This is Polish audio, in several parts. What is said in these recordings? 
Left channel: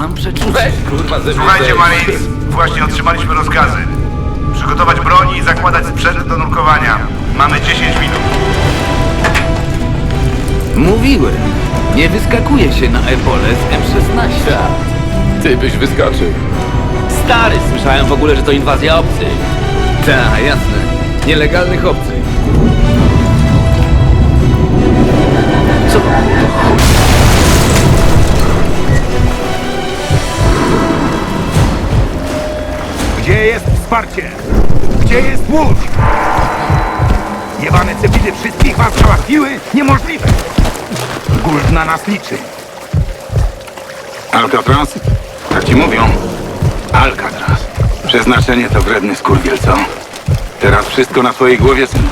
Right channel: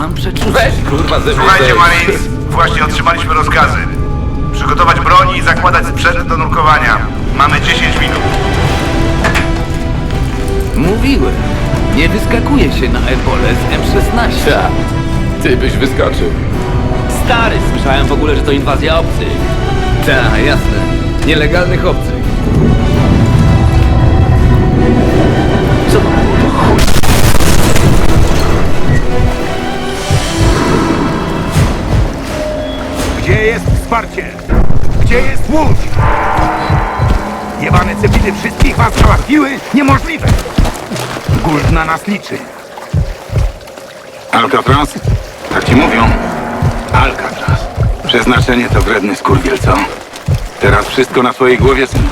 Mam przeczucie. Kurwa ze mnie Słuchajcie, zejdź. Marines, właśnie otrzymaliśmy rozkazy. Przygotować broń i zakładać sprzęt do nurkowania. Mamy 10 minut. Mówiłem. Nie wyskakuje się na ebole z M16. Ta, Ty byś wyskoczył. Stary, słyszałem w ogóle, że to inwazja obcych. Ta, jasne. Nielegalnych obcych. Gdzie jest wsparcie? Gdzie jest łódź? Jebane cepidy wszystkich was załatwiły? Niemożliwe! Guld na nas liczy. Alcatraz? Tak ci mówią? Alcatraz. Przeznaczenie to wredny skurwiel, co? Teraz wszystko na twojej głowie, syn.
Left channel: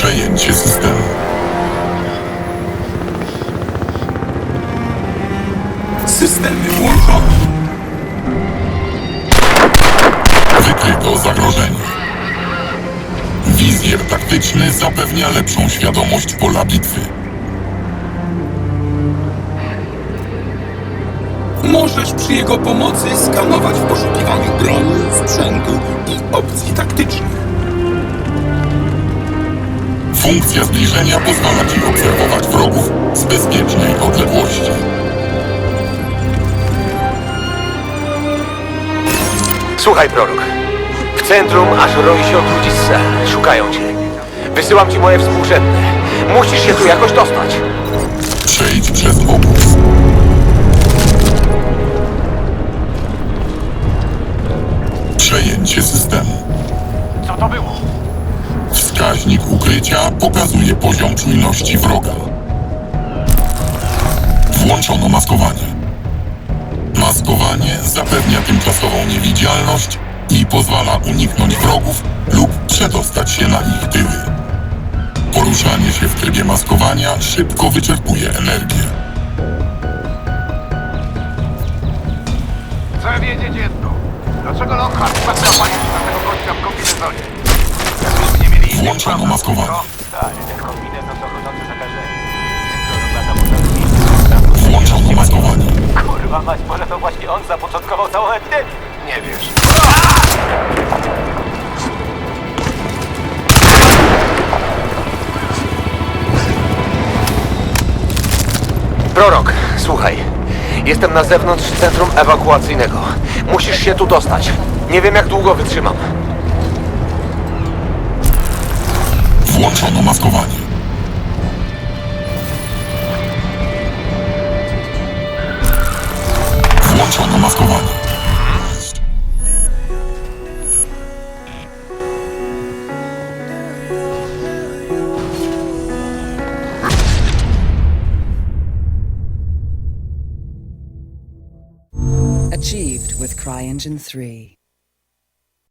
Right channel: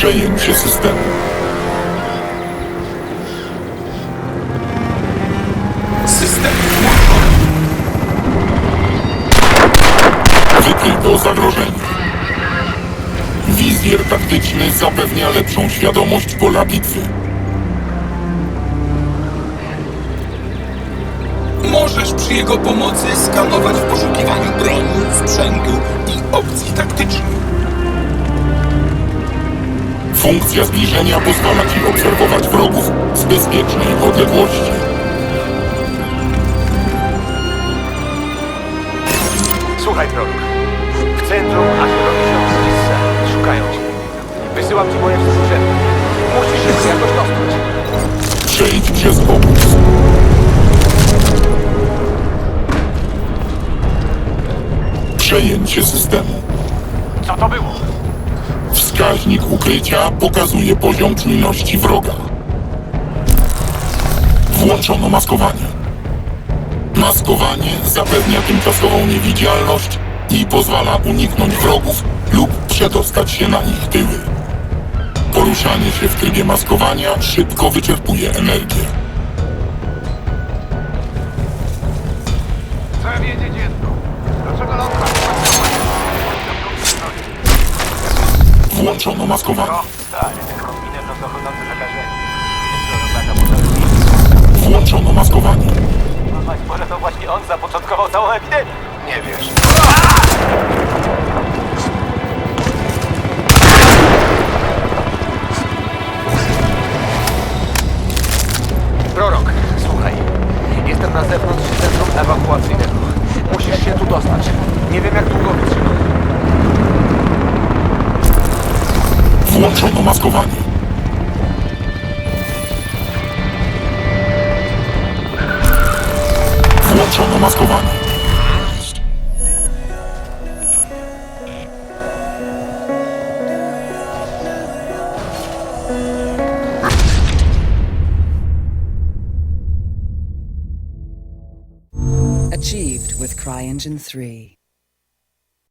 Przejęcie systemu. System włączony. Wykryto zagrożenie. Wizjer taktyczny zapewnia lepszą świadomość pola bitwy. Możesz przy jego pomocy skanować w poszukiwaniu broni, Słuchaj, prorok. W centrum ażurują się odludzisce. Szukają cię. Wysyłam ci moje współrzędne. Musisz się tu jakoś dostać. Przejdź przez obóz. Przejęcie systemu. Co to było? Wskaźnik ukrycia pokazuje poziom czujności wroga. Włączono maskowanie. Maskowanie i pozwala uniknąć wrogów lub przedostać się na ich tyły. Poruszanie się w trybie maskowania szybko wyczerpuje energię. Chcę wiedzieć jedno. Dlaczego Lockhart ma zapanie gościa w kombinezonie? Jak nic nie mieli innych Włączono maskowanie. Tak, ten kombinezon to chodzące zakażenie. Włączono maskowanie. Kurwa mać, może to właśnie on zapoczątkował całą epidemię. Nie wiesz. Jestem na zewnątrz centrum ewakuacyjnego. Musisz się tu dostać. Nie wiem jak długo wytrzymam. Maskowanie. Włączono with CryEngine 3.